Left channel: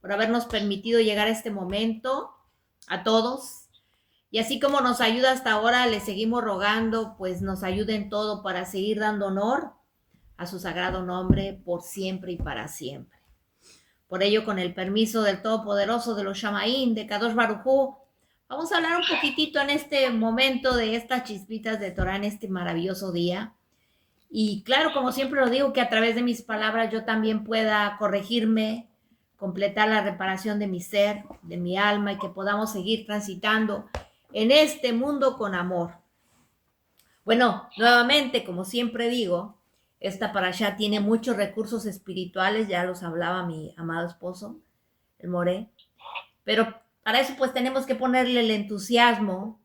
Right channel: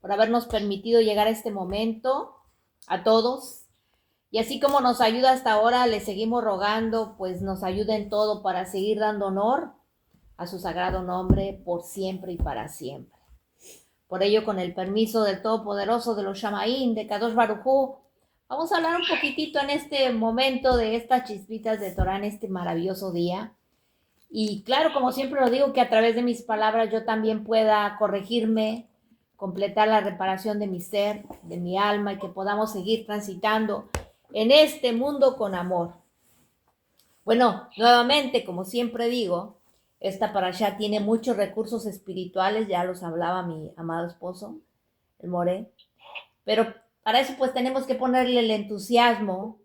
por habernos permitido llegar a este momento, a todos. Y así como nos ayuda hasta ahora, le seguimos rogando, pues nos ayude en todo para seguir dando honor a su sagrado nombre por siempre y para siempre. Por ello, con el permiso del Todopoderoso, de los Shamaín, de Kadosh Baruj Hu, vamos a hablar un poquitito en este momento de estas chispitas de Torah en este maravilloso día. Y claro, como siempre lo digo, que a través de mis palabras yo también pueda corregirme, completar la reparación de mi ser, de mi alma, y que podamos seguir transitando en este mundo con amor. Bueno, nuevamente, como siempre digo, esta parashá tiene muchos recursos espirituales, ya los hablaba mi amado esposo, el Moré, pero para eso pues tenemos que ponerle el entusiasmo,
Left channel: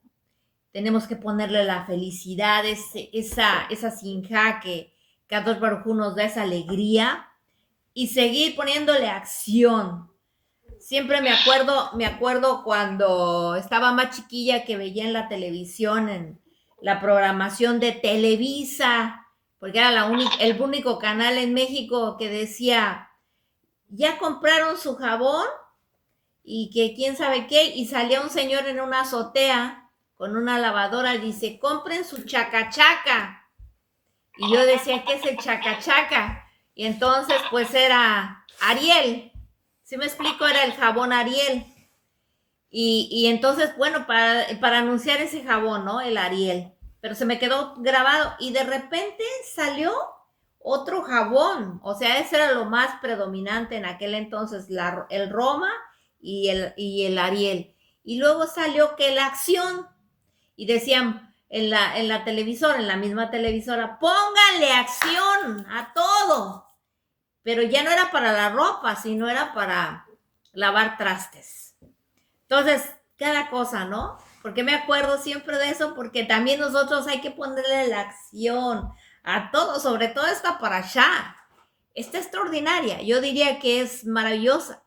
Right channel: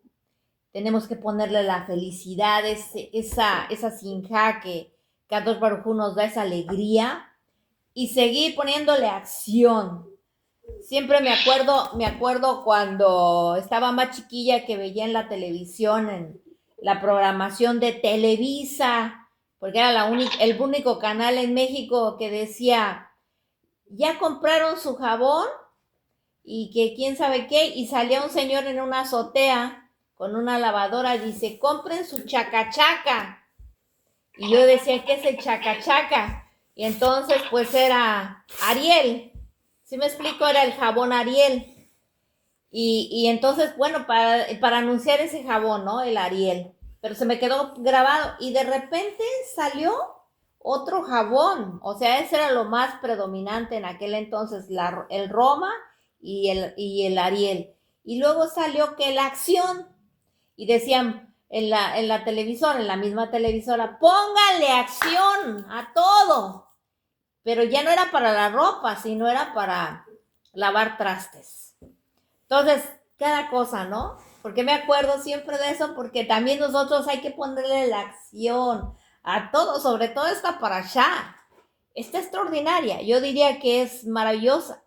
tenemos que ponerle la felicidad, esa sinja que Kadosh Baruj Hu nos da, esa alegría, y seguir poniéndole acción. Siempre me acuerdo cuando estaba más chiquilla que veía en la televisión, en la programación de Televisa, porque era el único canal en México que decía, ya compraron su jabón y que quién sabe qué, y salía un señor en una azotea con una lavadora y dice, compren su chacachaca. Y yo decía, ¿qué es el chacachaca? Y entonces pues era Ariel. ¿Sí me explico? Era el jabón Ariel. Y entonces, bueno, para anunciar ese jabón, ¿no? El Ariel. Pero se me quedó grabado y de repente salió otro jabón. O sea, ese era lo más predominante en aquel entonces, el Roma y el Ariel. Y luego salió que la acción, y decían en la televisora, en la misma televisora, pónganle acción a todo. Pero ya no era para la ropa, sino era para lavar trastes. Entonces, cada cosa, ¿no? Porque me acuerdo siempre de eso, porque también nosotros hay que ponerle la acción a todo, sobre todo esta parashá. Está extraordinaria, yo diría que es maravillosa.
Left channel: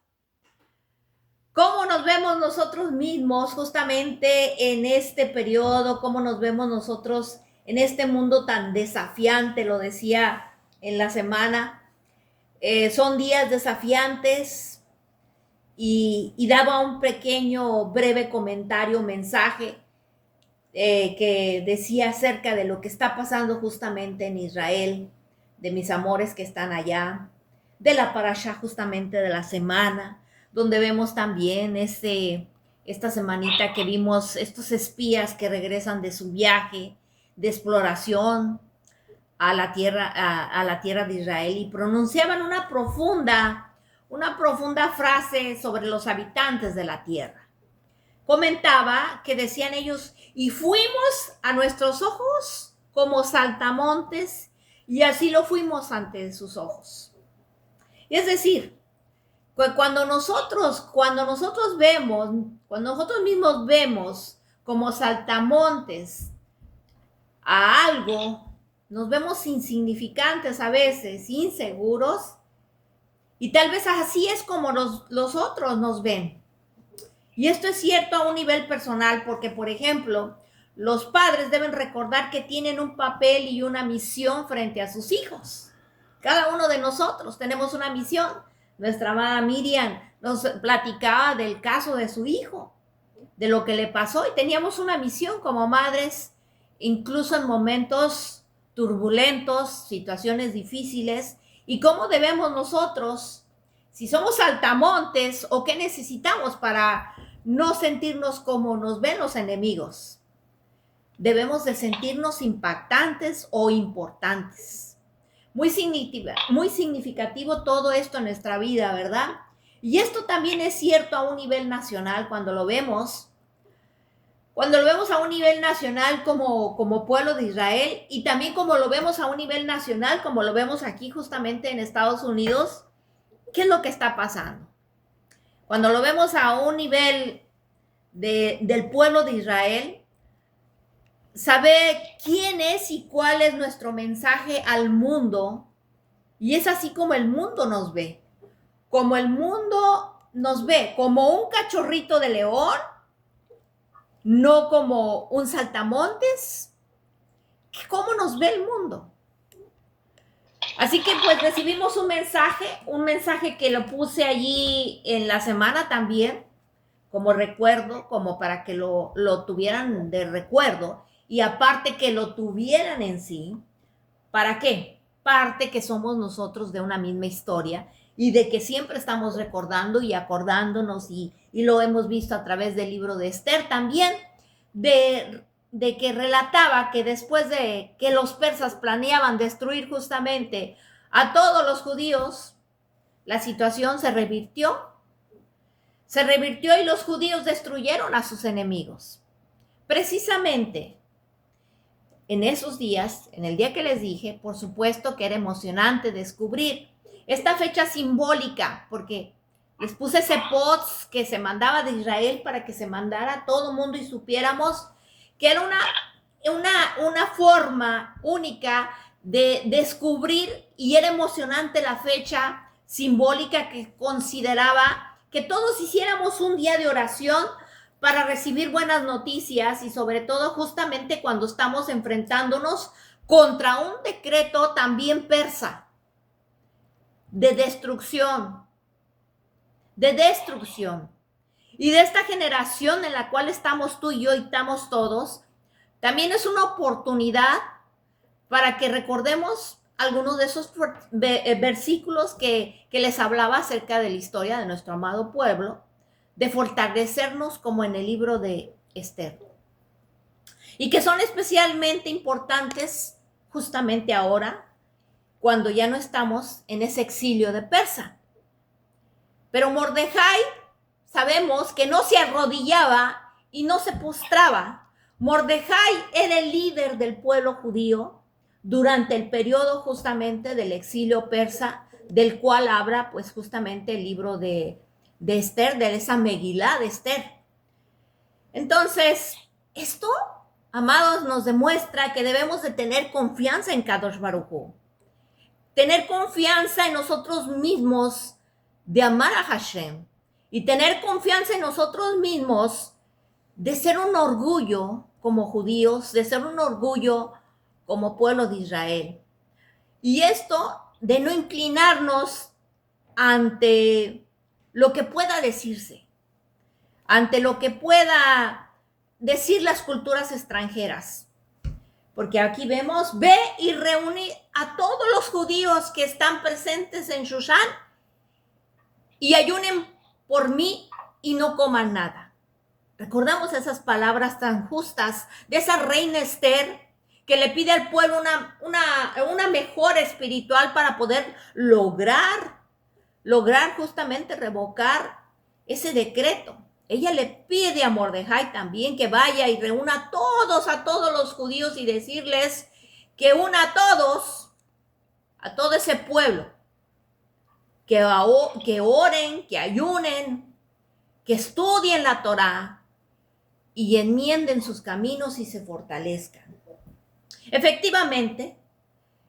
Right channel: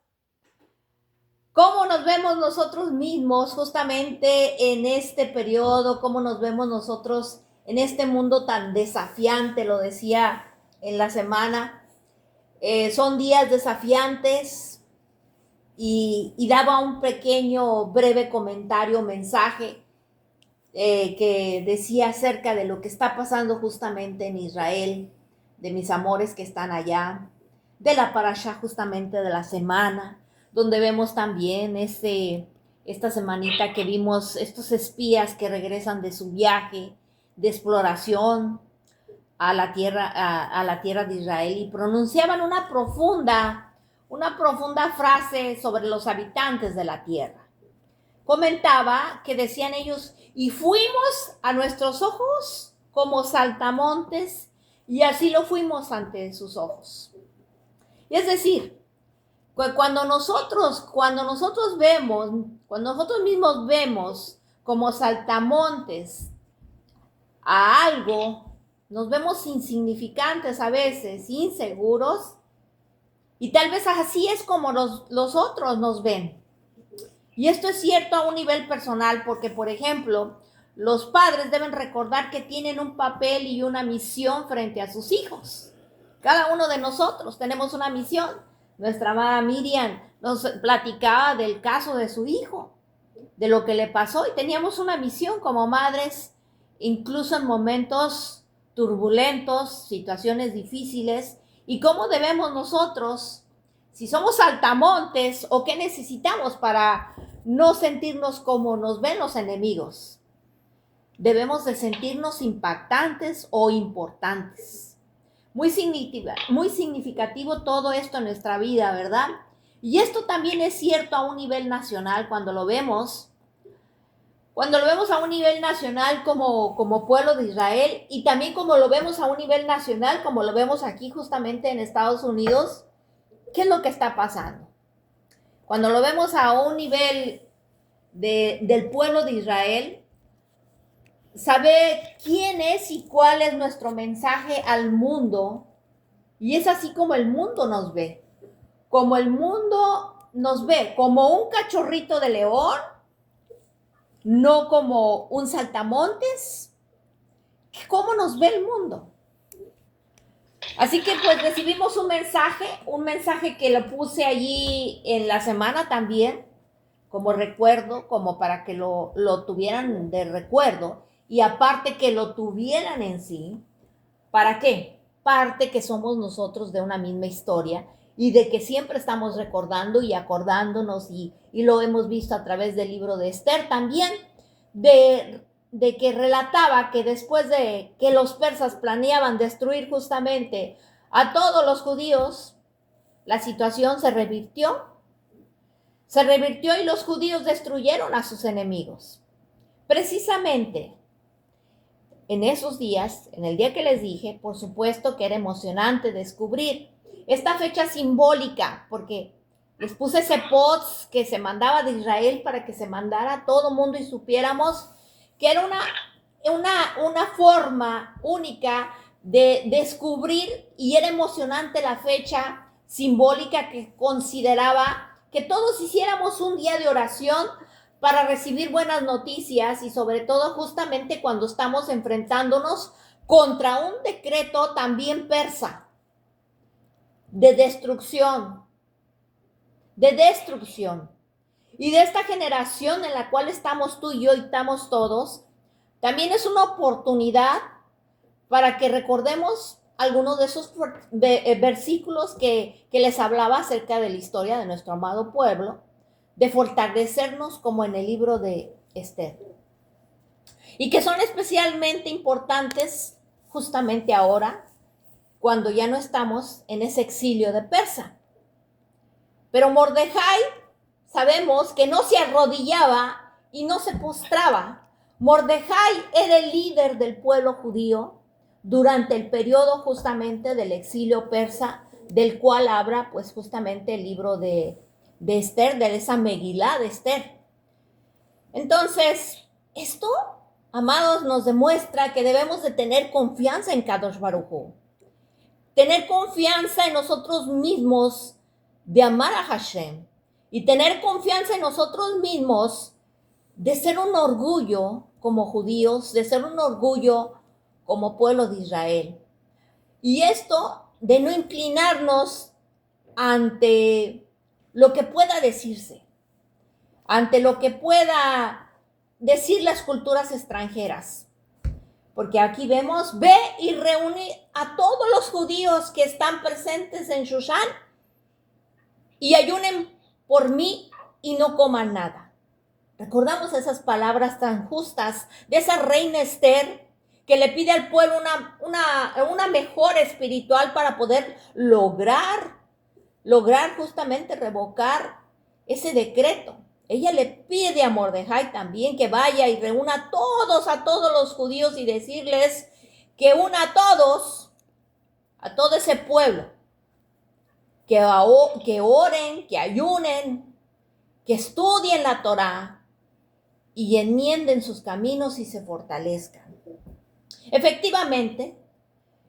¿Cómo nos vemos nosotros mismos justamente en este periodo? ¿Cómo nos vemos nosotros en este mundo tan desafiante? Lo decía en la semana. Son días desafiantes y daba un pequeño, breve comentario, mensaje que decía acerca de lo que está pasando justamente en Israel, de mis amores que están allá, de la parashá justamente de la semana, donde vemos también esta semanita que vimos estos espías que regresan de su viaje de exploración a la tierra de Israel y pronunciaban una profunda frase sobre los habitantes de la tierra. Comentaba que decían ellos, y fuimos a nuestros ojos como saltamontes, y así lo fuimos ante sus ojos. Es decir, cuando nosotros mismos vemos como saltamontes a algo, nos vemos insignificantes a veces, inseguros, y tal vez así es como los otros nos ven. Y esto es cierto a un nivel personal, porque, por ejemplo, los padres deben recordar que tienen un papel y una misión frente a sus hijos. Cada uno de nosotros tenemos una misión. Nuestra amada Miriam nos platicaba del caso de su hijo, de lo que le pasó, y teníamos una misión como madres, incluso en momentos turbulentos, situaciones difíciles, y cómo debemos nosotros, si somos saltamontes, o qué necesitamos para no sentirnos como nos ven los enemigos. Debemos de sentirnos impactantes o importantes. Muy significativo todo esto en nuestra vida, ¿verdad? Y esto también es cierto a un nivel nacional cuando lo vemos a un nivel nacional como pueblo de Israel, y también como lo vemos a un nivel nacional, como lo vemos aquí justamente en Estados Unidos. ¿Qué es lo que está pasando? Cuando lo vemos a un nivel del pueblo de Israel, saber quién es y cuál es nuestro mensaje al mundo, y es así como el mundo nos ve. Como el mundo nos ve, como un cachorrito de león, no como un saltamontes. ¿Cómo nos ve el mundo? Así que pues recibimos un mensaje que lo puse allí en la semana también, como recuerdo, como para que lo tuvieran de recuerdo, y aparte que lo tuvieran en sí. ¿Para qué? Parte que somos nosotros de una misma historia y de que siempre estamos recordando y acordándonos, y lo hemos visto a través del libro de Esther también, de que relataba que después de que los persas planeaban destruir justamente a todos los judíos, la situación se revirtió y los judíos destruyeron a sus enemigos. Precisamente en esos días, en el día que les dije, por supuesto que era emocionante descubrir esta fecha simbólica, porque les puse ese post que se mandaba de Israel para que se mandara a todo mundo y supiéramos que era una forma única de descubrir, y era emocionante la fecha simbólica que consideraba que todos hiciéramos un día de oración para recibir buenas noticias, y sobre todo justamente cuando estamos enfrentándonos contra un decreto también persa de destrucción, Y de esta generación en la cual estamos tú y yo y estamos todos, también es una oportunidad para que recordemos algunos de esos versículos que les hablaba acerca de la historia de nuestro amado pueblo, de fortalecernos como en el libro de Esther, y que son especialmente importantes justamente ahora, cuando ya no estamos en ese exilio de Persa. Pero Mordejai, sabemos que no se arrodillaba y no se postraba. Mordejai era el líder del pueblo judío durante el periodo justamente del exilio persa, del cual habla pues justamente el libro de Esther, de esa Megilá de Esther. Entonces, esto, amados, nos demuestra que debemos de tener confianza en Kadosh Baruj Hu, tener confianza en nosotros mismos de amar a Hashem, y tener confianza en nosotros mismos de ser un orgullo como judíos, de ser un orgullo como pueblo de Israel. Y esto de no inclinarnos ante lo que pueda decirse, ante lo que pueda decir las culturas extranjeras. Porque aquí vemos, ve y reúne a todos los judíos que están presentes en Shushan y ayunen por mí y no coman nada. Recordamos esas palabras tan justas de esa reina Esther, que le pide al pueblo una mejora espiritual para poder lograr justamente revocar ese decreto. Ella le pide a Mordejai también que vaya y reúna a todos los judíos, y decirles que una a todo ese pueblo, que oren, que ayunen, que estudien la Torá y enmienden sus caminos y se fortalezcan. Efectivamente,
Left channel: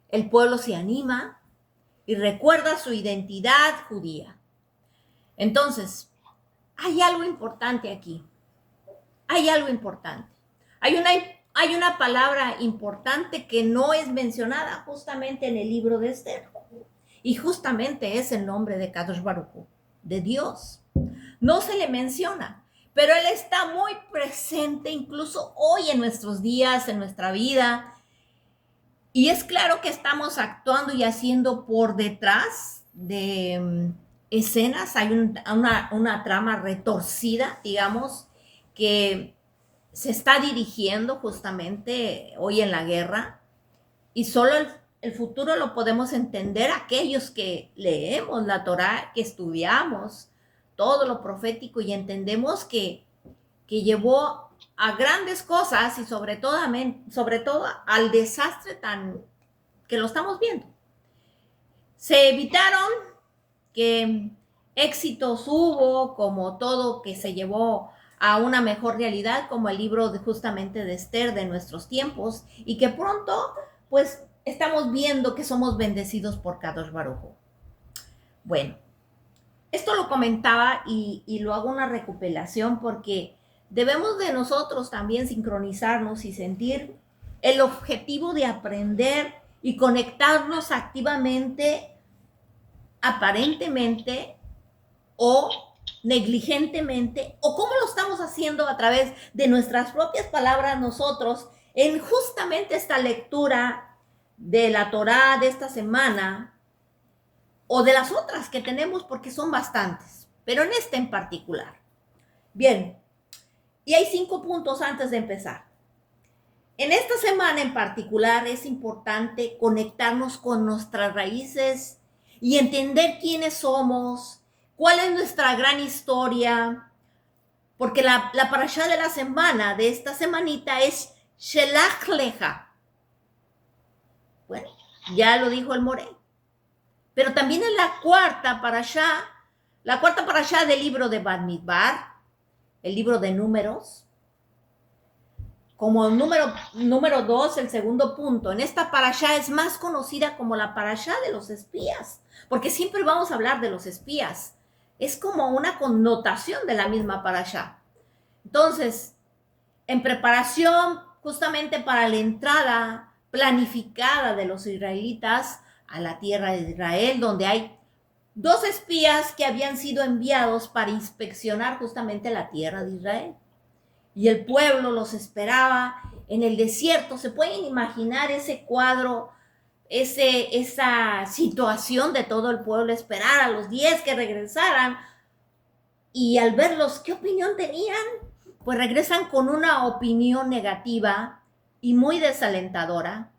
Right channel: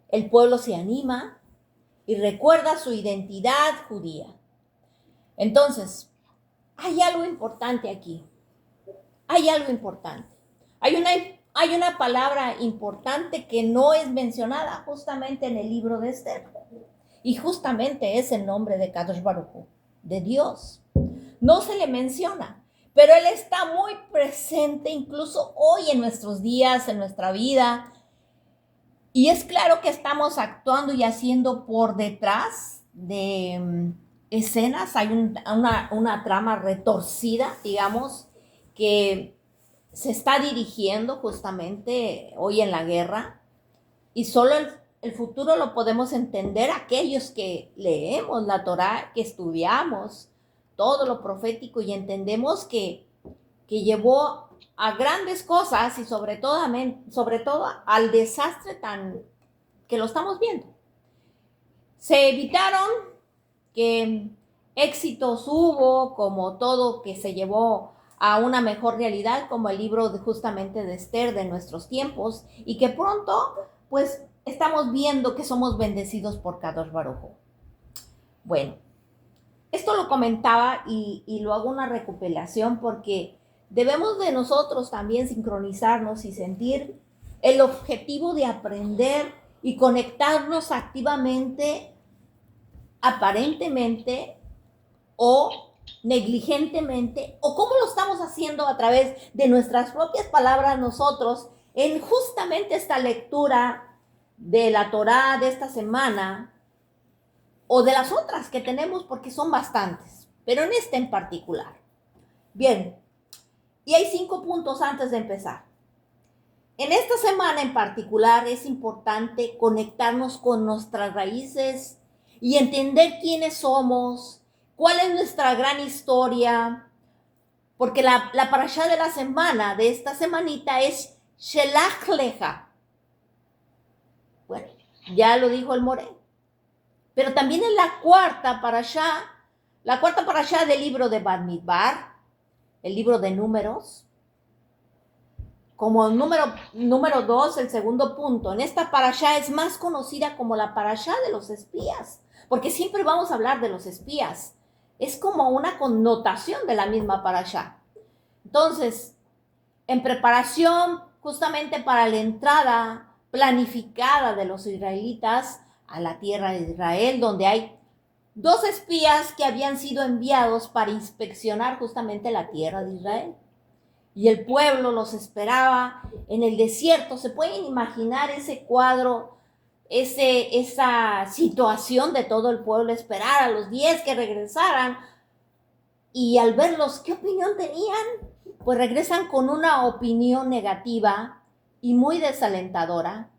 el pueblo se anima y recuerda su identidad judía. Entonces, hay algo importante aquí. Hay algo importante. Hay una palabra importante que no es mencionada justamente en el libro de Esther. Y justamente es el nombre de Kadosh Baruj Hu, de Dios. No se le menciona, pero Él está muy presente incluso hoy en nuestros días, en nuestra vida. Y es claro que estamos actuando y haciendo por detrás de escenas. Hay una trama retorcida, digamos, que se está dirigiendo justamente hoy en la guerra, y solo el futuro lo podemos entender aquellos que leemos la Torá, que estudiamos todo lo profético y entendemos que llevó a grandes cosas, y sobre todo al desastre tan que lo estamos viendo. Se evitaron que éxitos hubo, como todo que se llevó a una mejor realidad, como el libro justamente de Esther de nuestros tiempos, y que pronto pues estamos viendo que somos bendecidos por Kadosh Baruj Hu. Bueno, esto lo comentaba y lo hago una recopilación porque debemos de nosotros también sincronizarnos y sentir el objetivo de aprender y conectarnos activamente, aparentemente o negligentemente, o cómo lo estamos haciendo a través de nuestras propias palabras nosotros en justamente esta lectura de la Torá de esta semana o de las otras que tenemos, porque son bastantes, pero en esta en particular. Bien, y hay 5 puntos antes de empezar. En esta semana en particular es importante conectarnos con nuestras raíces y entender quiénes somos, cuál es nuestra gran historia, porque la parashá de la semana, de esta semanita, es Shelach Leja. Bueno, ya lo dijo el Moré. Pero también es la cuarta parashá del libro de Bamidbar, el libro de Números. Como número 2, el segundo punto, en esta parashá es más conocida como la parashá de los espías, porque siempre vamos a hablar de los espías. Es como una connotación de la misma parashá. Entonces, en preparación justamente para la entrada planificada de los israelitas a la tierra de Israel, donde hay 2 espías que habían sido enviados para inspeccionar justamente la tierra de Israel. Y el pueblo los esperaba en el desierto. ¿Se pueden imaginar ese cuadro, esa situación de todo el pueblo esperar a los 10 que regresaran? Y al verlos, ¿qué opinión tenían? Pues regresan con una opinión negativa y muy desalentadora,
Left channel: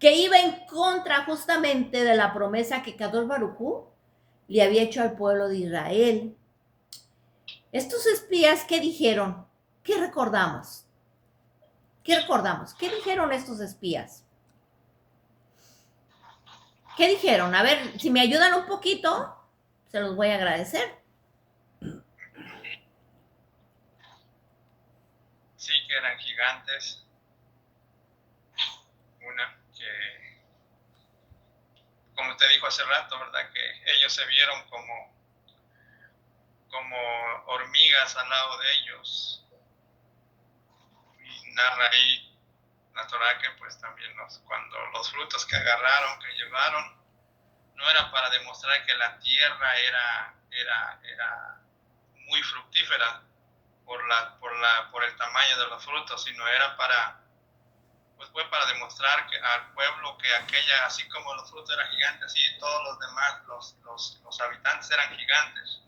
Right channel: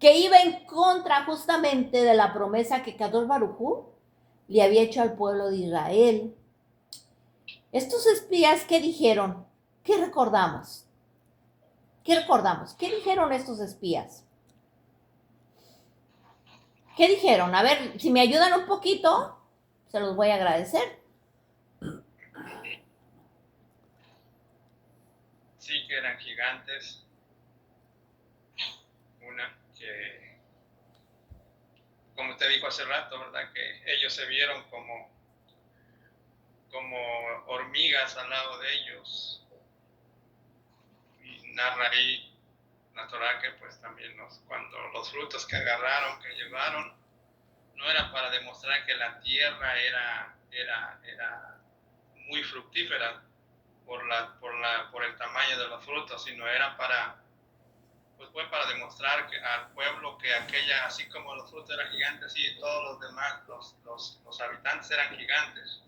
que iba en contra justamente de la promesa que Kadosh Baruj Hu le había hecho al pueblo de Israel. Estos espías, ¿qué dijeron? ¿Qué recordamos? ¿Qué recordamos? ¿Qué dijeron estos espías? ¿Qué dijeron? A ver, si me ayudan un poquito, se los voy a agradecer. Sí, que eran gigantes. Una que, como te dijo hace rato, ¿verdad? Que ellos se vieron como hormigas al lado de ellos. Y narra ahí la Torá que pues también cuando los frutos que agarraron, que llevaron, no era para demostrar que la tierra era muy fructífera por el tamaño de los frutos, sino era fue para demostrar al pueblo que aquella, así como los frutos eran gigantes, así todos los demás, los habitantes eran gigantes.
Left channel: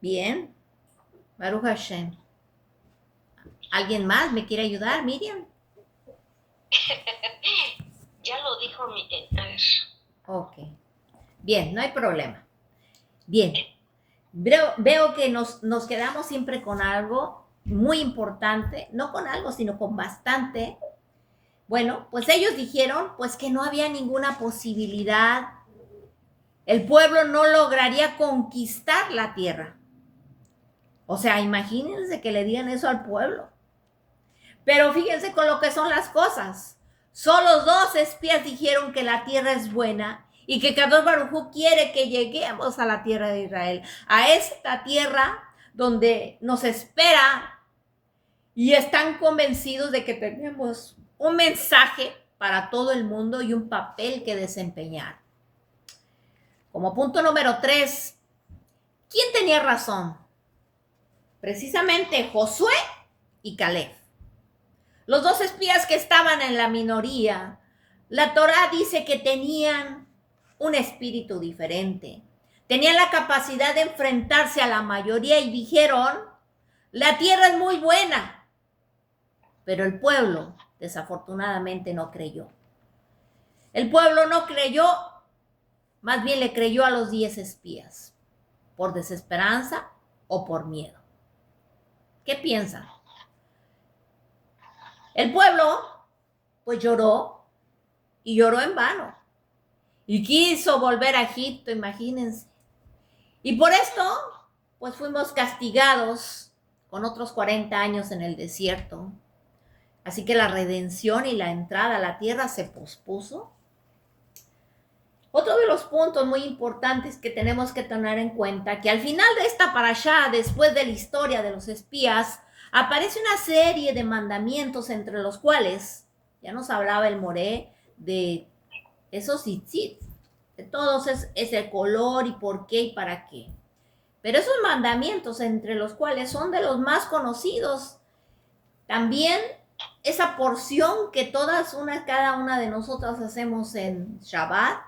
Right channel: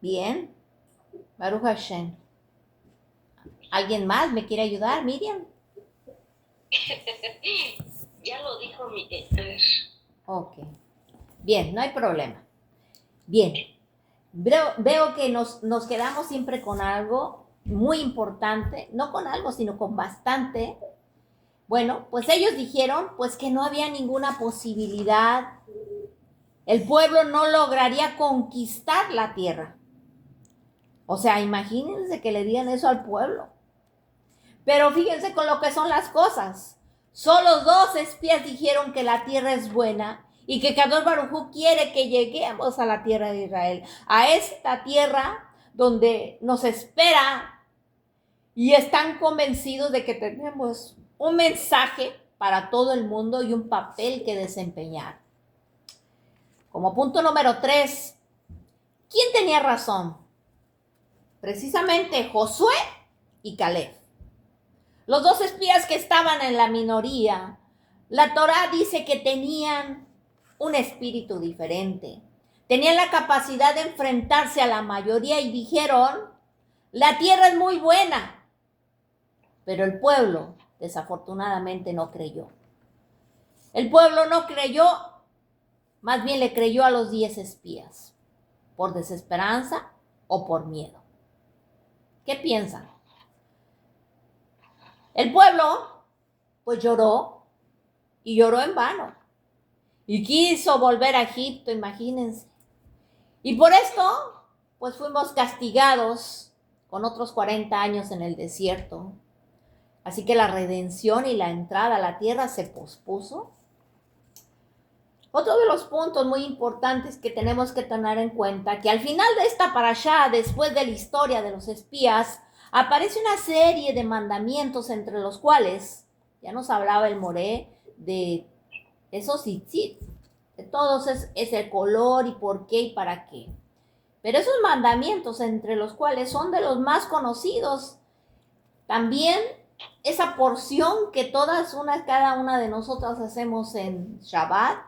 Bien, Baruch Hashem. ¿Alguien más me quiere ayudar, Miriam? Ya lo dijo Miguel. Ok. Bien, no hay problema. Bien. Veo que nos quedamos siempre con algo muy importante, no con algo, sino con bastante. Bueno, pues ellos dijeron pues que no había ninguna posibilidad. El pueblo no lograría conquistar la tierra. O sea, imagínense que le digan eso al pueblo. Pero fíjense con lo que son las cosas. Solo 2 espías dijeron que la tierra es buena y que Kadosh Baruj Hu quiere que lleguemos a la tierra de Israel, a esta tierra donde nos espera, y están convencidos de que tenemos un mensaje para todo el mundo y un papel que desempeñar. Como punto número 3, ¿quién tenía razón? Precisamente Josué y Caleb. Los 2 espías que estaban en la minoría, la Torá dice que tenían un espíritu diferente. Tenían la capacidad de enfrentarse a la mayoría y dijeron, la tierra es muy buena. Pero el pueblo, desafortunadamente, no creyó. El pueblo no creyó, más bien le creyó a los 10 espías, por desesperanza o por miedo. ¿Qué piensan? El pueblo, pues lloró, y lloró en vano. Y quiso volver a Egipto, imagínense. Y por esto, pues fuimos castigados con otros 40 años en el desierto. Así que la redención y la entrada a la tierra se pospuso. Otro de los puntos muy importantes que tenemos que tener en cuenta, que al final de esta parashá, después de la historia de los espías, aparece una serie de mandamientos entre los cuales, ya nos hablaba el Moré de esos tzitzit, de todos es el color y por qué y para qué. Pero esos mandamientos entre los cuales son de los más conocidos, también esa porción que cada una de nosotras hacemos en Shabbat,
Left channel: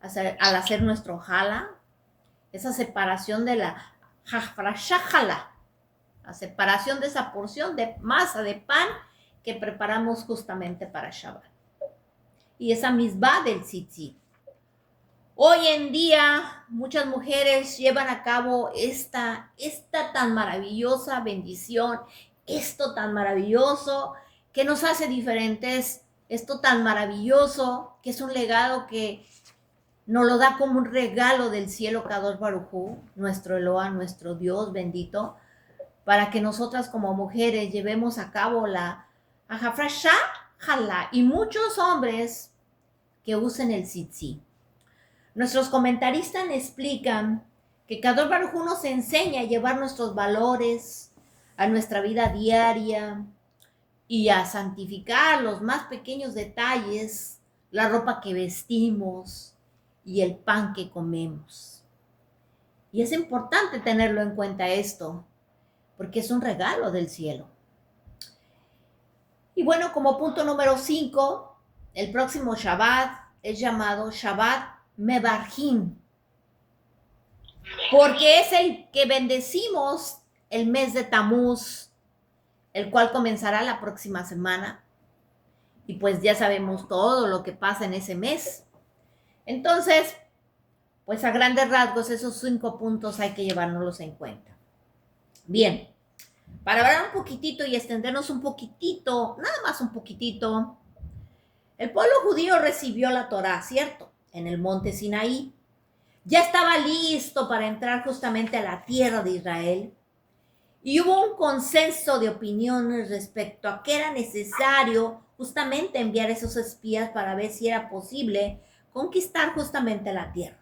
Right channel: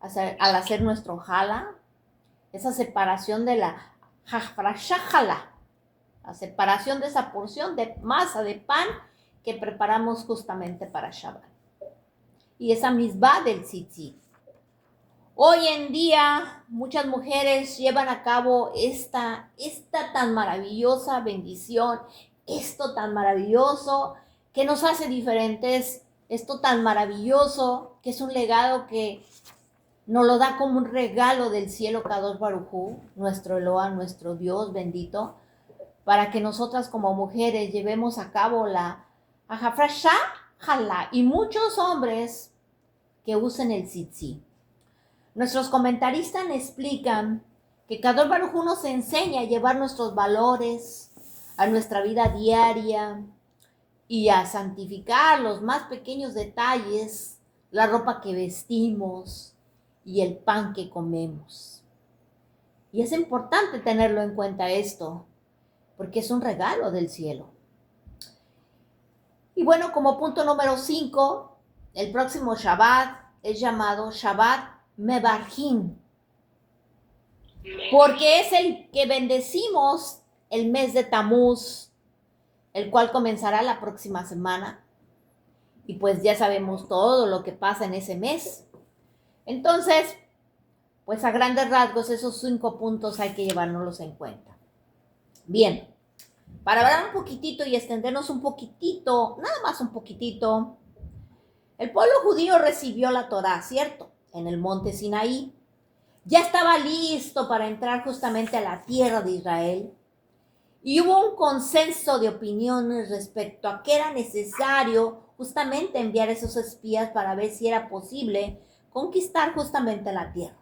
al hacer nuestro jala, esa separación de la jafrashajala, la separación de esa porción de masa de pan que preparamos justamente para Shabbat. Y esa misbah del tzitzit. Hoy en día muchas mujeres llevan a cabo esta tan maravillosa bendición, esto tan maravilloso que nos hace diferentes, esto tan maravilloso que es un legado que nos lo da como un regalo del cielo Kadosh Baruj Hu, nuestro Eloa, nuestro Dios bendito, para que nosotras como mujeres llevemos a cabo la Hafrashá Jalá y muchos hombres que usen el tzitzit. Nuestros comentaristas explican que Kadosh Baruj Hu nos enseña a llevar nuestros valores a nuestra vida diaria y a santificar los más pequeños detalles, la ropa que vestimos y el pan que comemos. Y es importante tenerlo en cuenta esto, porque es un regalo del cielo. Y bueno, como punto número 5, el próximo Shabbat es llamado Shabbat Mebarjim, porque es el que bendecimos el mes de Tamuz, el cual comenzará la próxima semana. Y pues ya sabemos todo lo que pasa en ese mes. Entonces, pues a grandes rasgos esos 5 puntos hay que llevárnoslos en cuenta. Bien, para hablar un poquitito y extendernos un poquitito, nada más un poquitito, el pueblo judío recibió la Torá, ¿cierto? En el monte Sinaí. Ya estaba listo para entrar justamente a la tierra de Israel. Y hubo un consenso de opiniones respecto a que era necesario justamente enviar esos espías para ver si era posible conquistar justamente la tierra.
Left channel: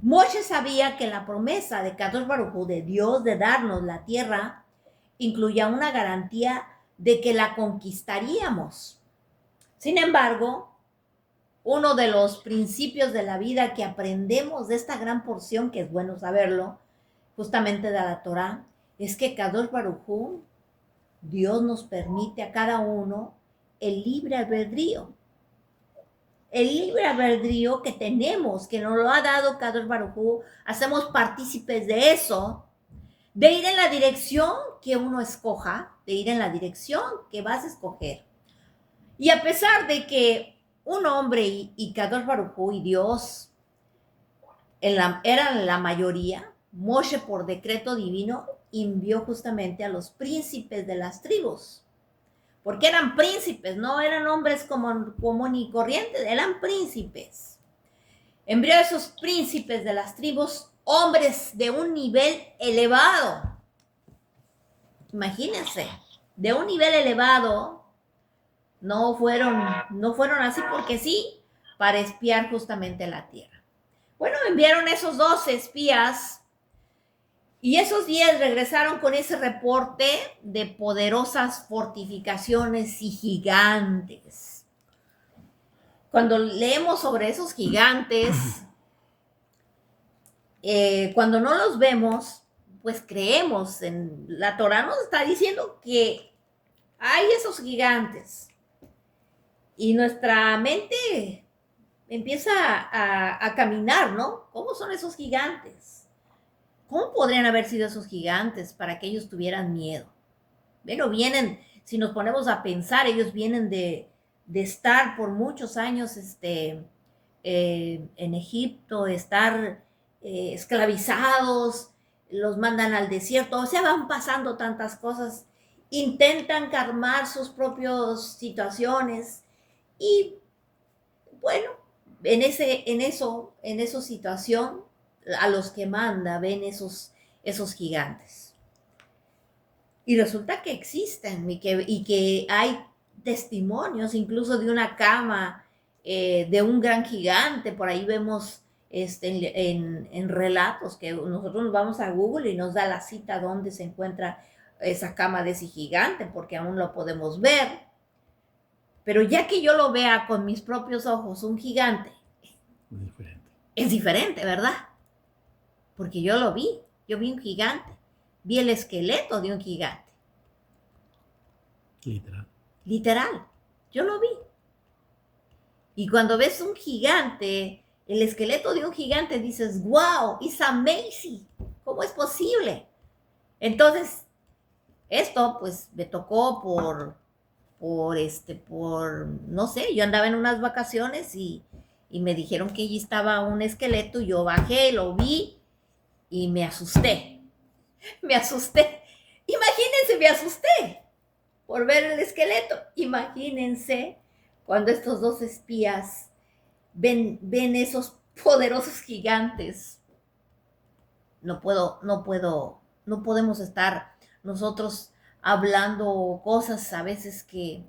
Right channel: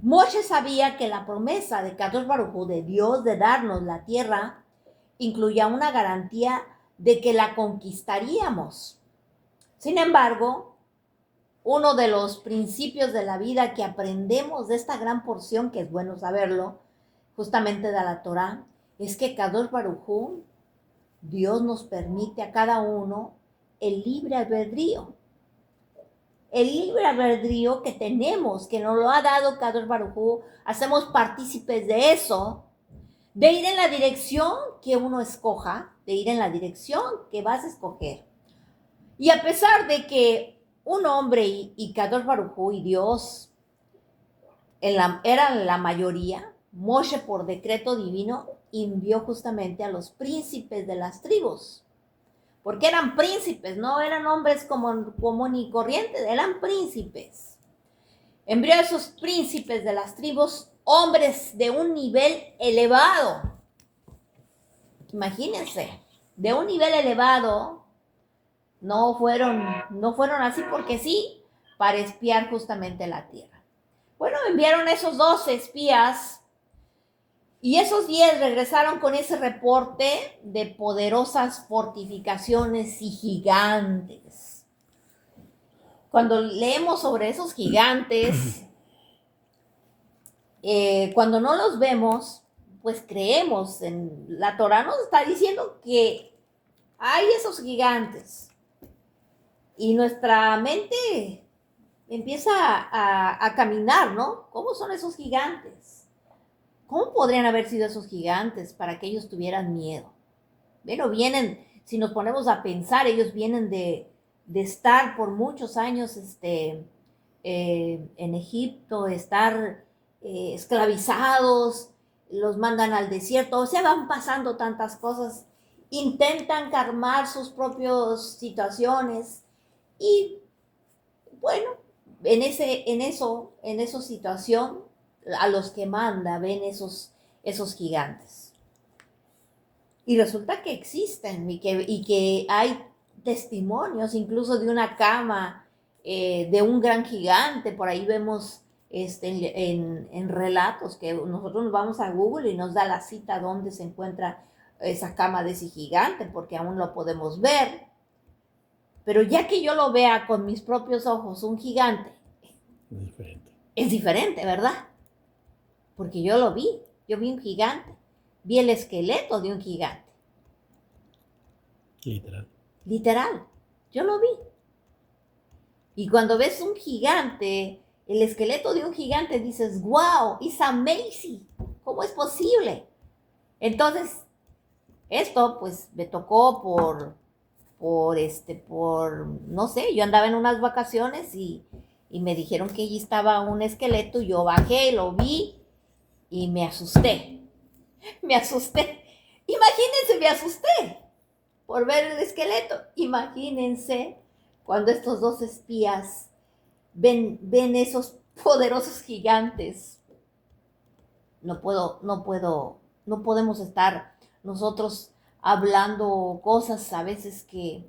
Moshe sabía que la promesa de Kadosh Baruj Hu, de Dios, de darnos la tierra, incluía una garantía de que la conquistaríamos. Sin embargo, uno de los principios de la vida que aprendemos de esta gran porción, que es bueno saberlo, justamente de la Torá, es que Kadosh Baruj Hu, Dios nos permite a cada uno el libre albedrío. El libre albedrío que tenemos, que nos lo ha dado Kadosh Baruj Hu, hacemos partícipes de eso, de ir en la dirección que uno escoja, de ir en la dirección que vas a escoger. Y a pesar de que un hombre y Kadosh Baruj Hu y Dios eran la mayoría, Moshe por decreto divino envió justamente a los príncipes de las tribus, porque eran príncipes, no eran hombres común y corrientes, eran príncipes. Envió a esos príncipes de las tribus, hombres de un nivel elevado. Imagínense, de un nivel elevado, no fueron así porque sí, para espiar justamente la tierra. Bueno, enviaron esos 12 espías y esos 10 regresaron con ese reporte de poderosas fortificaciones y gigantes. Cuando leemos sobre esos gigantes, cuando no los vemos, pues creemos en la Torá, nos está diciendo que hay esos gigantes y nuestra mente empieza a caminar, ¿no? ¿Cómo son esos gigantes? ¿Cómo podrían haber sido esos gigantes para que ellos tuvieran miedo? Bueno, si nos ponemos a pensar, ellos vienen de estar por muchos años en Egipto, estar esclavizados, los mandan al desierto, o sea, van pasando tantas cosas, intentan calmar sus propias situaciones y bueno, en esa situación, a los que manda ven esos gigantes. Y resulta que existen y que hay testimonios incluso de una cama de un gran gigante. Por ahí vemos en relatos que nosotros nos vamos a Google y nos da la cita donde se encuentra esa cama de ese gigante, porque aún lo podemos ver. Pero ya que yo lo vea con mis propios ojos, un gigante, es diferente, ¿verdad? Porque yo lo vi, yo vi un gigante, vi el esqueleto de un gigante. Literal, yo lo vi. Y cuando ves un gigante, el esqueleto de un gigante, dices, wow, it's amazing, ¿cómo es posible? Entonces, esto pues me tocó no sé, yo andaba en unas vacaciones y me dijeron que allí estaba un esqueleto, yo bajé, lo vi y me asusté. Imagínense, me asusté por ver el esqueleto. Imagínense cuando estos dos espías ven esos poderosos gigantes. No podemos estar nosotros hablando cosas a veces que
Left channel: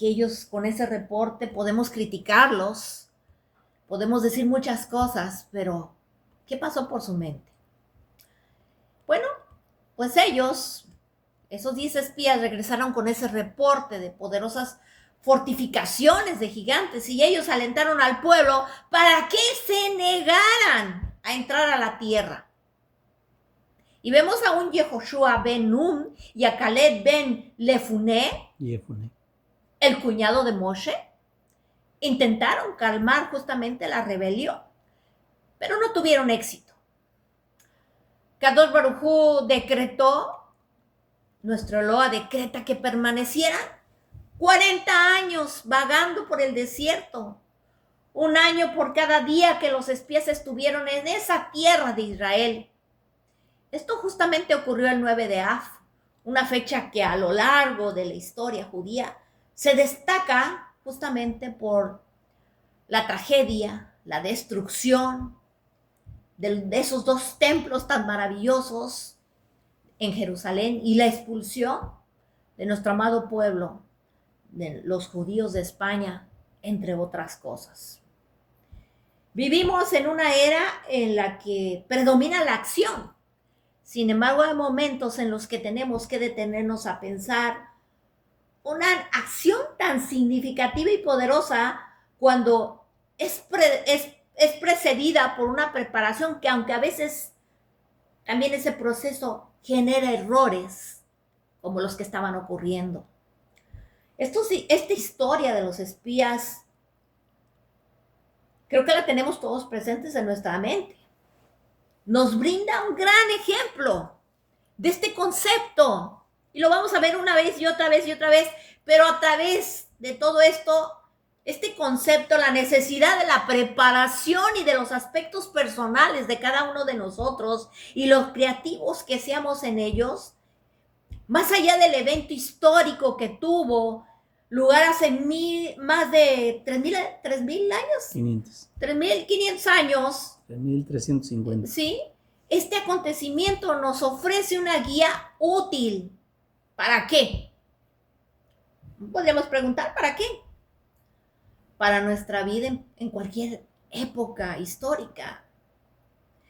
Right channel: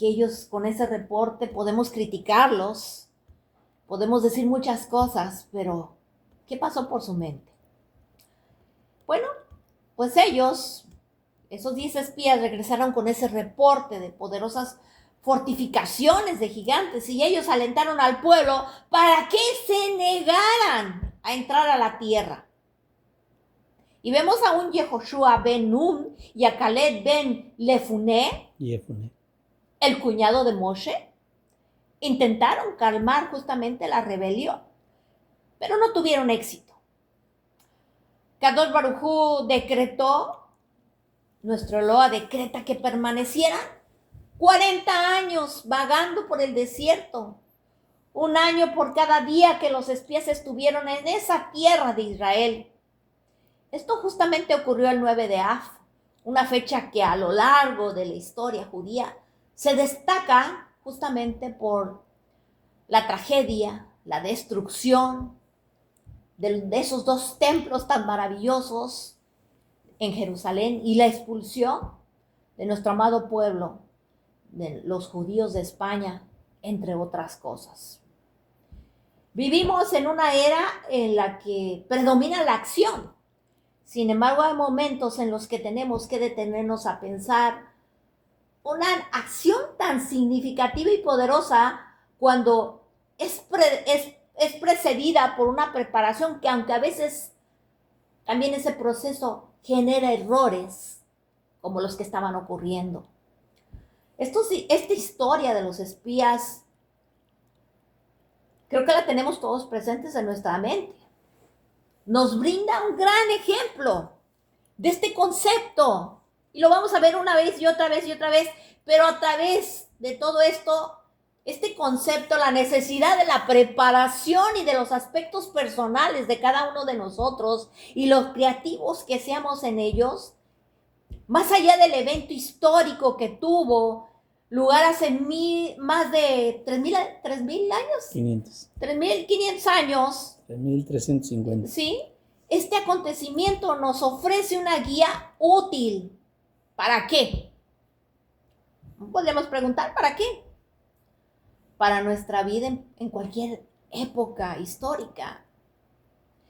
ellos con ese reporte podemos criticarlos, podemos decir muchas cosas, pero ¿qué pasó por su mente? Bueno, pues esos 10 espías regresaron con ese reporte de poderosas fortificaciones de gigantes y ellos alentaron al pueblo para que se negaran a entrar a la tierra. Y vemos a un Yehoshua ben Nun y a Caleb ben Jefune, el cuñado de Moshe, intentaron calmar justamente la rebelión, pero no tuvieron éxito. Kadosh Baruj Hu decretó, nuestro Eloa decreta que permanecieran 40 años vagando por el desierto, un año por cada día que los espías estuvieron en esa tierra de Israel. Esto justamente ocurrió el 9 de Av, una fecha que a lo largo de la historia judía se destaca justamente por la tragedia, la destrucción de esos dos templos tan maravillosos en Jerusalén y la expulsión de nuestro amado pueblo, de los judíos de España, entre otras cosas. Vivimos en una era en la que predomina la acción. Sin embargo, hay momentos en los que tenemos que detenernos a pensar una acción tan significativa y poderosa cuando es precedida por una preparación que, aunque a veces también ese proceso genera errores como los que estaban ocurriendo. Esta historia de los espías creo que la tenemos todos presentes en nuestra mente. Nos brinda un gran ejemplo de este concepto. Y lo vamos a ver una vez y otra vez y otra vez. Pero a través de todo esto, este concepto, la necesidad de la preparación y de los aspectos personales de cada uno de nosotros y los creativos que seamos en ellos, más allá del evento histórico que tuvo lugar hace más de 3,000 años. 500. 3,500 años. 3,350. Sí, este acontecimiento nos ofrece una guía útil. ¿Para qué? Podríamos preguntar, ¿para qué? Para nuestra vida en cualquier época histórica.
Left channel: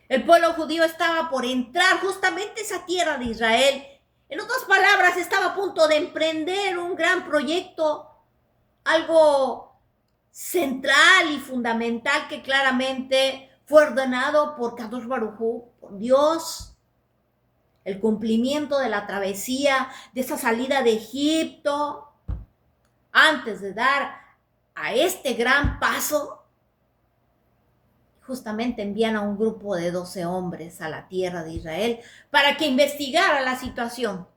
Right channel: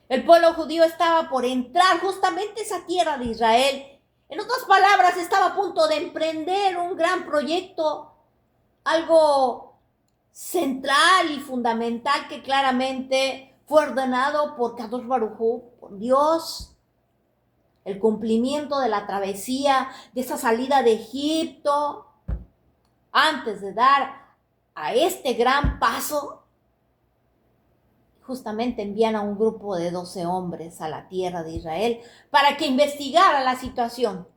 El pueblo judío estaba por entrar justamente a esa tierra de Israel. En otras palabras, estaba a punto de emprender un gran proyecto, algo central y fundamental que claramente fue ordenado por Kadosh Baruj Hu, por Dios. El cumplimiento de la travesía, de esa salida de Egipto, antes de dar a este gran paso, justamente envían a un grupo de 12 hombres a la tierra de Israel para que investigara la situación.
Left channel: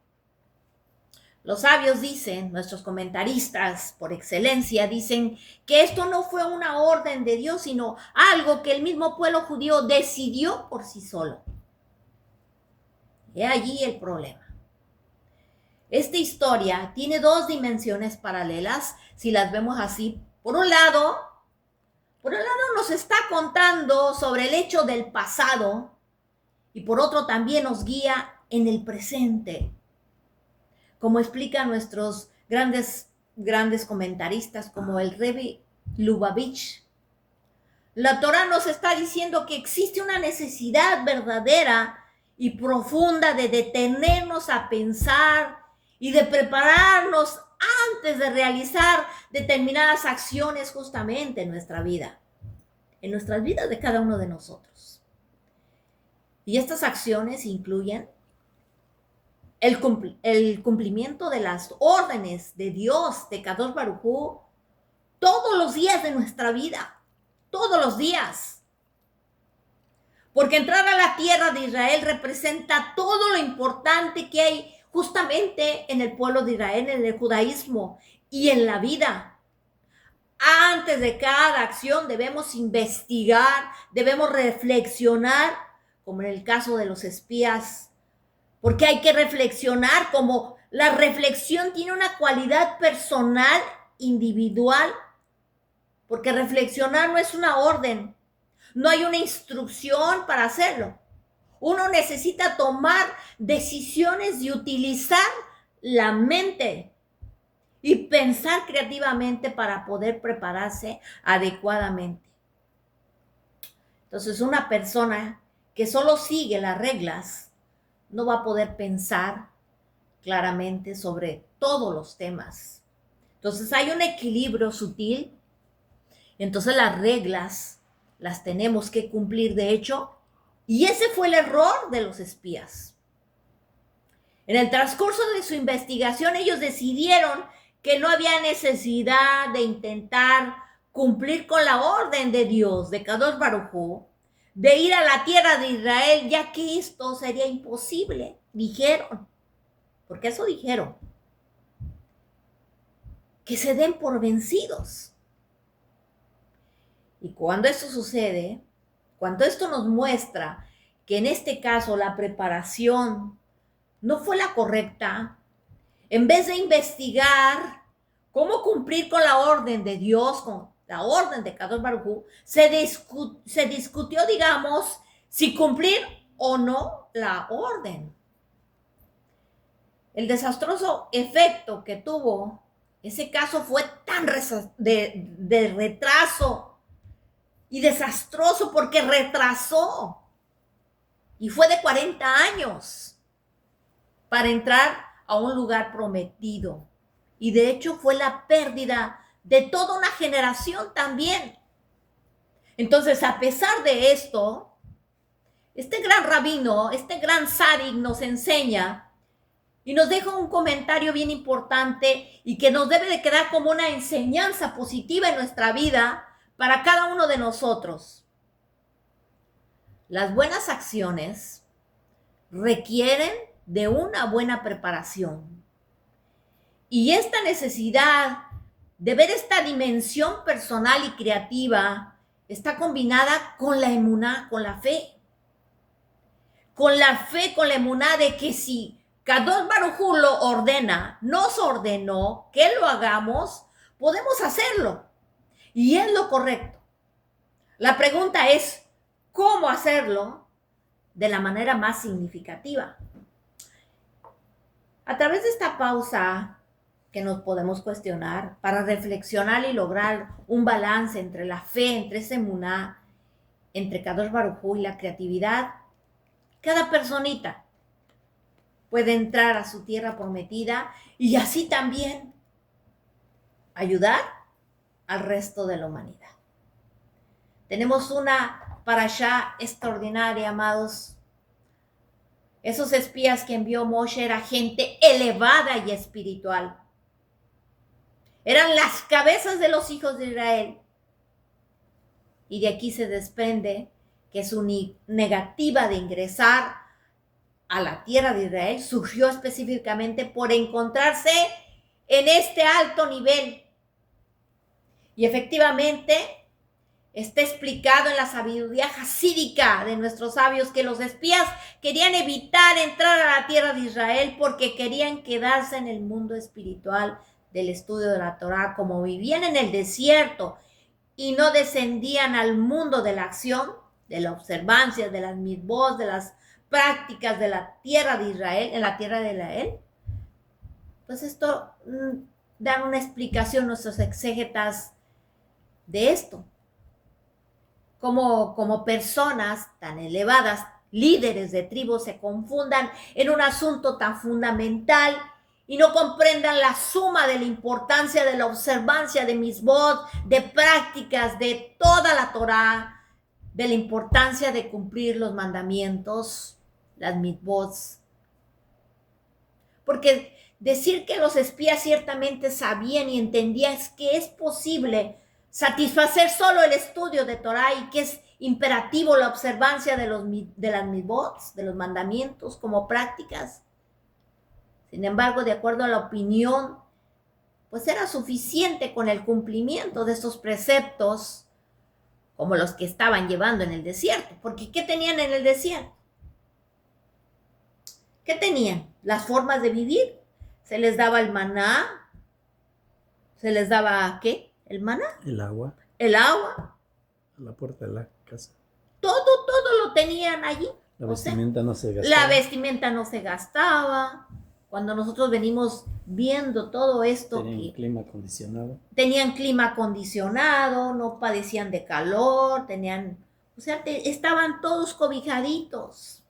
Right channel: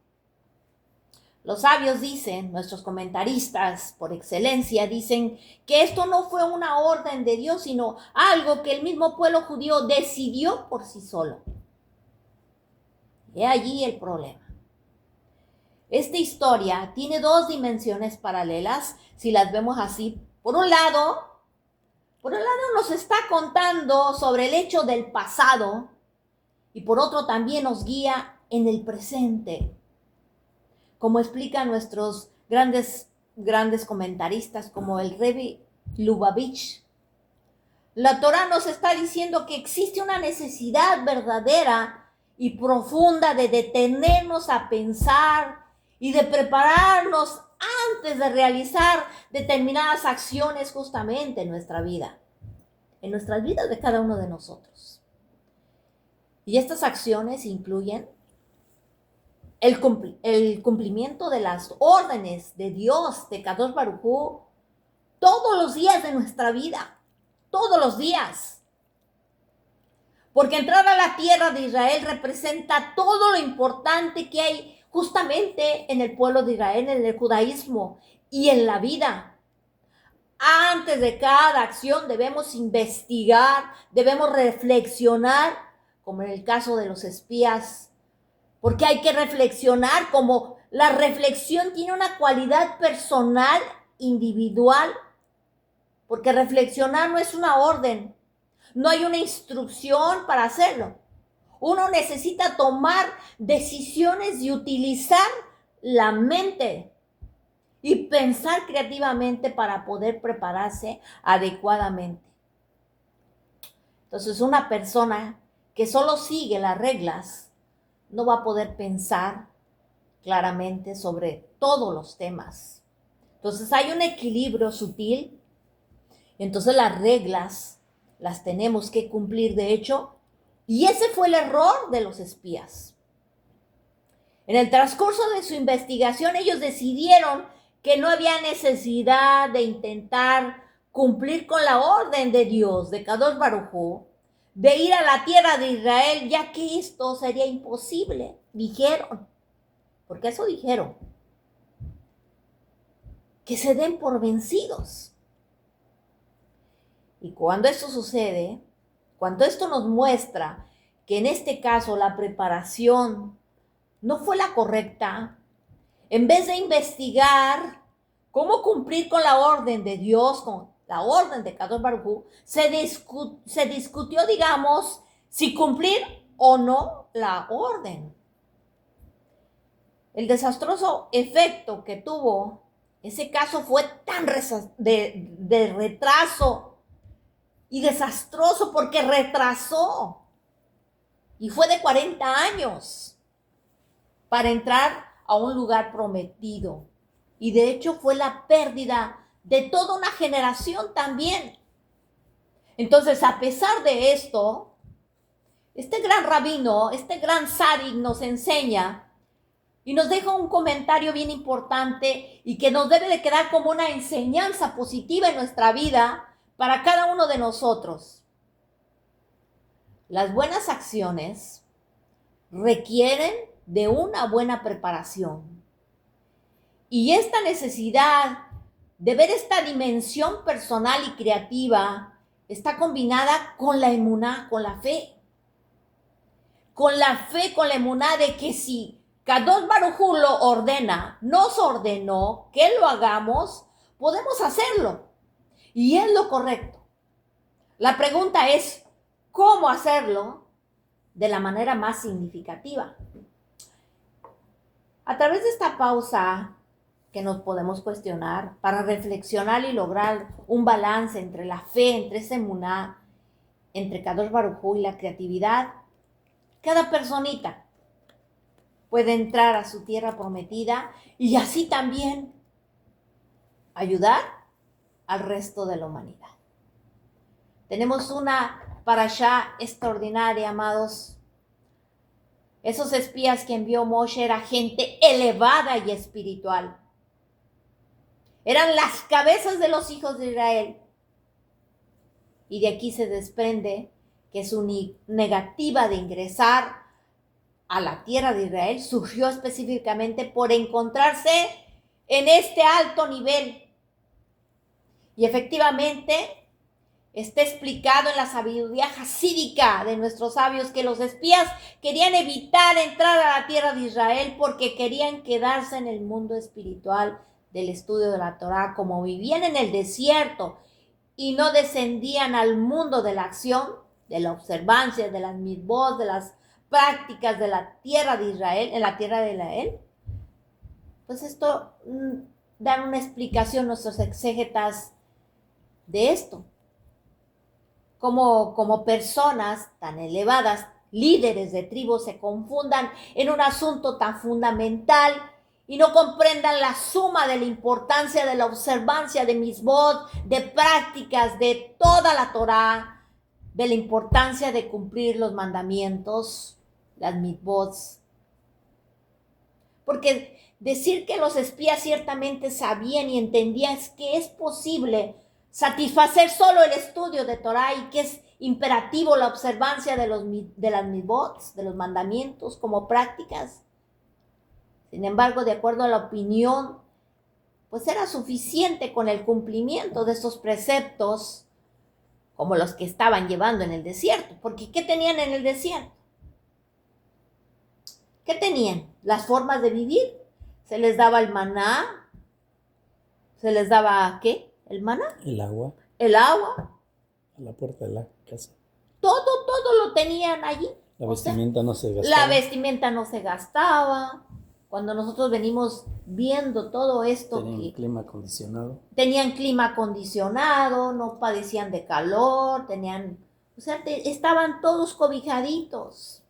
Los sabios dicen, nuestros comentaristas por excelencia, dicen que esto no fue una orden de Dios, sino algo que el mismo pueblo judío decidió por sí solo. He allí el problema. Esta historia tiene dos dimensiones paralelas, si las vemos así. Por un lado nos está contando sobre el hecho del pasado y por otro también nos guía en el presente. Como explican nuestros grandes comentaristas como el Rebbe Lubavitch, la Torá nos está diciendo que existe una necesidad verdadera y profunda de detenernos a pensar y de prepararnos antes de realizar determinadas acciones justamente en nuestra vida, en nuestras vidas de cada uno de nosotros. Y estas acciones incluyen el cumplimiento de las órdenes de Dios, de Kadosh Baruj Hu, todos los días de nuestra vida, todos los días. Porque entrar a la tierra de Israel representa todo lo importante que hay justamente en el pueblo de Israel, en el judaísmo y en la vida. Antes de cada acción debemos investigar, debemos reflexionar, como en el caso de los espías, porque hay que reflexionar, como la reflexión tiene una cualidad personal, individual, porque reflexionar no es una orden, no hay una instrucción para hacerlo. Uno necesita tomar decisiones y utilizar la mente y pensar creativamente para poder prepararse adecuadamente. Entonces, una persona que solo sigue las reglas no va a poder pensar claramente sobre todos los temas. Entonces, hay un equilibrio sutil. Entonces, las reglas las tenemos que cumplir, de hecho, y ese fue el error de los espías. En el transcurso de su investigación, ellos decidieron que no había necesidad de intentar cumplir con la orden de Dios, de Kadosh Baruj Hu, de ir a la tierra de Israel, ya que esto sería imposible, dijeron. Porque eso dijeron. Que se den por vencidos. Y cuando esto sucede, cuando esto nos muestra que en este caso la preparación no fue la correcta, en vez de investigar cómo cumplir con la orden de Dios, con la orden de Kadosh Baruj Hu, se discutió, digamos, si cumplir o no la orden. El desastroso efecto que tuvo ese caso fue tan de retraso y desastroso porque retrasó y fue de 40 años para entrar a un lugar prometido. Y de hecho fue la pérdida de toda una generación también. Entonces, a pesar de esto, este gran rabino, este gran tzadik nos enseña y nos deja un comentario bien importante y que nos debe de quedar como una enseñanza positiva en nuestra vida para cada uno de nosotros. Las buenas acciones requieren de una buena preparación. Y esta necesidad de ver esta dimensión personal y creativa está combinada con la emuná, con la fe. Con la fe, con la emuná de que si Kadosh Baruj Hu lo ordena, nos ordenó que lo hagamos, podemos hacerlo. Y es lo correcto. La pregunta es, ¿cómo hacerlo de la manera más significativa? A través de esta pausa que nos podemos cuestionar para reflexionar y lograr un balance entre la fe, entre esa emuná, entre Kadosh Baruj Hu y la creatividad, cada personita puede entrar a su tierra prometida y así también ayudar al resto de la humanidad. Tenemos una parashá extraordinaria, amados. Esos espías que envió Moshe era gente elevada y espiritual. Eran las cabezas de los hijos de Israel. Y de aquí se desprende que su negativa de ingresar a la tierra de Israel surgió específicamente por encontrarse en este alto nivel. Y efectivamente está explicado en la sabiduría jasídica de nuestros sabios que los espías querían evitar entrar a la tierra de Israel porque querían quedarse en el mundo espiritual del estudio de la Torá, como vivían en el desierto y no descendían al mundo de la acción, de la observancia, de las mitzvot, de las prácticas de la tierra de Israel, en la tierra de Israel. Pues esto dan una explicación nuestros exégetas de esto. Como personas tan elevadas líderes de tribus se confundan en un asunto tan fundamental y no comprendan la suma de la importancia de la observancia de mitzvot, de prácticas de toda la Torá, de la importancia de cumplir los mandamientos, las mitzvot. Porque decir que los espías ciertamente sabían y entendían que es posible satisfacer solo el estudio de Torá y que es imperativo la observancia de las mitzvot, de los mandamientos como prácticas. Sin embargo, de acuerdo a la opinión, pues era suficiente con el cumplimiento de estos preceptos como los que estaban llevando en el desierto. Porque ¿qué tenían en el desierto? ¿Qué tenían? Las formas de vivir. Se les daba el maná. ¿Se les daba qué? ¿El maná? El agua. El agua. A la puerta de la casa. Todo lo tenían allí. La vestimenta no se gastaba. La vestimenta no se gastaba. Cuando nosotros venimos viendo todo esto, tenían clima acondicionado. Tenían clima acondicionado, no padecían de calor, estaban todos cobijaditos.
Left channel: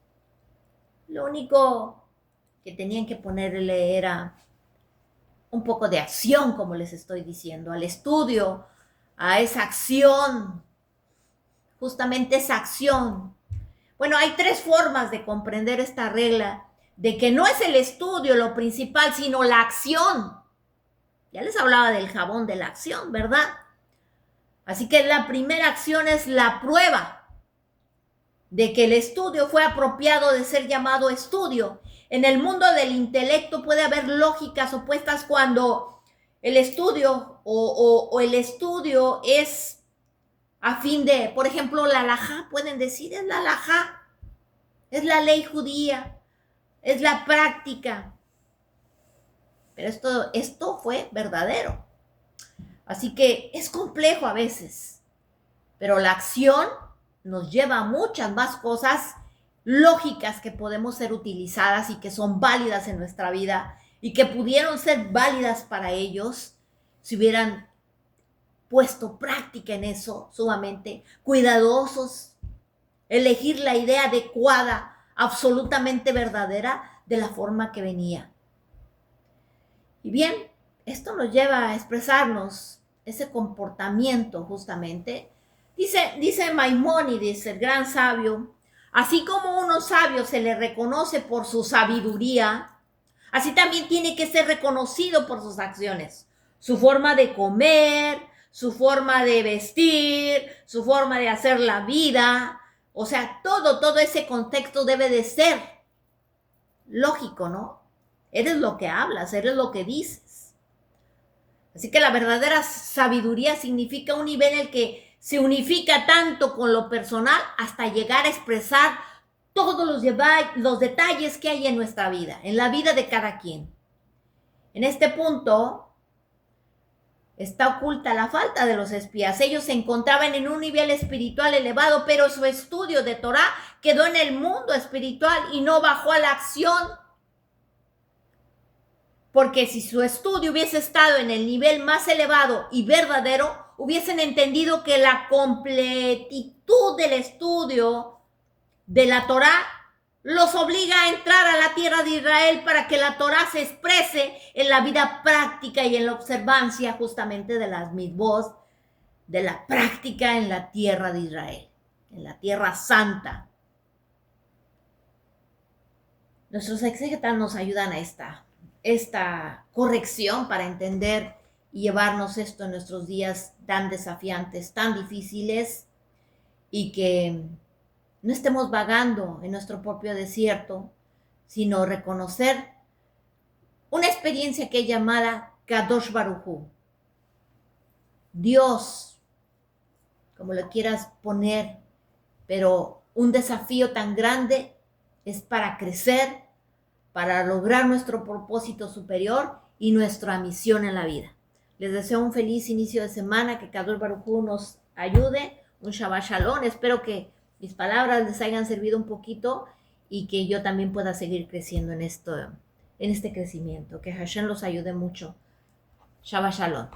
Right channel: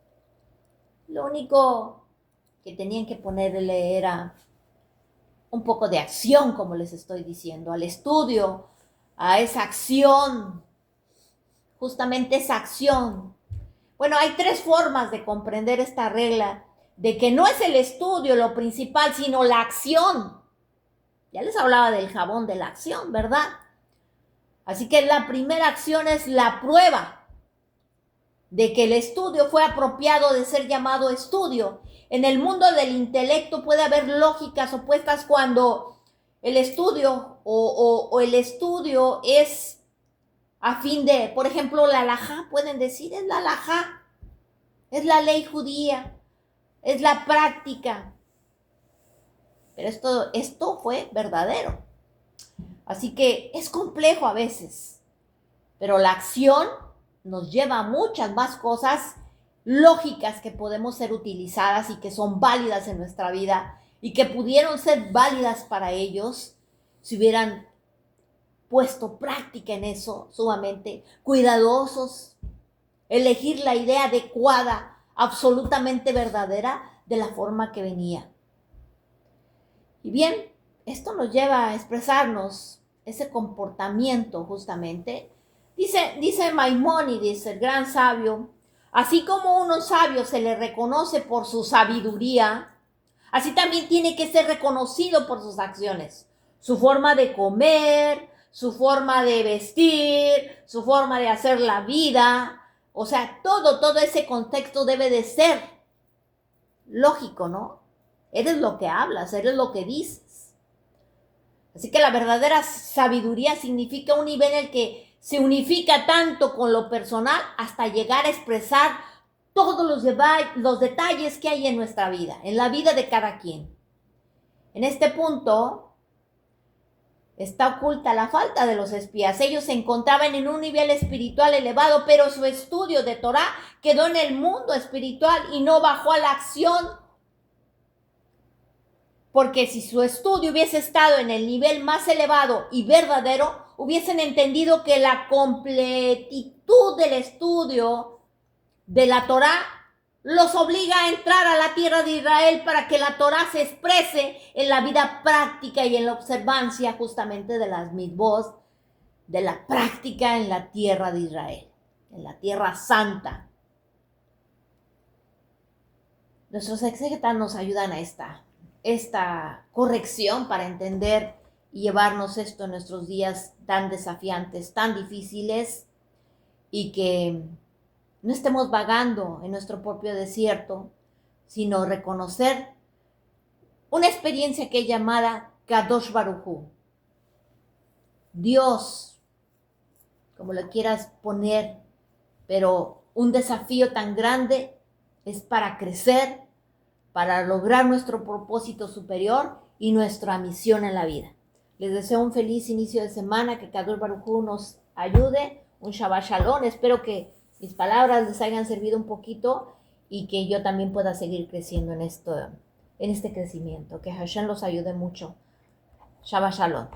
Lo único que tenían que ponerle era un poco de acción, como les estoy diciendo, al estudio, a esa acción, justamente esa acción. Bueno, hay 3 formas de comprender esta regla, de que no es el estudio lo principal, sino la acción. Ya les hablaba del jabón de la acción, ¿verdad? Así que la primera acción es la prueba de que el estudio fue apropiado de ser llamado estudio. En el mundo del intelecto puede haber lógicas opuestas cuando el estudio o el estudio es a fin de, por ejemplo, la halajá, pueden decir, es la halajá, es la ley judía, es la práctica. Pero esto fue verdadero. Así que es complejo a veces, pero la acción nos lleva a muchas más cosas lógicas que podemos ser utilizadas y que son válidas en nuestra vida y que pudieron ser válidas para ellos si hubieran puesto práctica en eso, sumamente cuidadosos, elegir la idea adecuada, absolutamente verdadera, de la forma que venía. Y bien, esto nos lleva a expresarnos ese comportamiento justamente. Dice Maimónides, el gran sabio, así como a uno sabio se le reconoce por su sabiduría, así también tiene que ser reconocido por sus acciones, su forma de comer, su forma de vestir, su forma de hacer la vida. O sea, todo ese contexto debe de ser lógico, ¿no? Eres lo que hablas, eres lo que dices. Así que la verdadera sabiduría significa un nivel en el que se unifica tanto con lo personal hasta llegar a expresar todos los detalles que hay en nuestra vida, en la vida de cada quien. En este punto está oculta la falta de los espías. Ellos se encontraban en un nivel espiritual elevado, pero su estudio de Torá quedó en el mundo espiritual y no bajó a la acción. Porque si su estudio hubiese estado en el nivel más elevado y verdadero, hubiesen entendido que la completitud del estudio de la Torá los obliga a entrar a la tierra de Israel para que la Torá se exprese en la vida práctica y en la observancia justamente de las mitzvot, de la práctica en la tierra de Israel, en la tierra santa. Nuestros exégetas nos ayudan a esta corrección para entender y llevarnos esto en nuestros días tan desafiantes, tan difíciles, y que no estemos vagando en nuestro propio desierto, sino reconocer una experiencia que es llamada Kadosh Baruj Hu. Dios, como lo quieras poner, pero un desafío tan grande es para crecer, para lograr nuestro propósito superior y nuestra misión en la vida. Les deseo un feliz inicio de semana, que Kadosh Baruj Hu nos ayude, un Shabbat Shalom. Espero que mis palabras les hayan servido un poquito y que yo también pueda seguir creciendo en este crecimiento. Que Hashem los ayude mucho. Shabbat Shalom.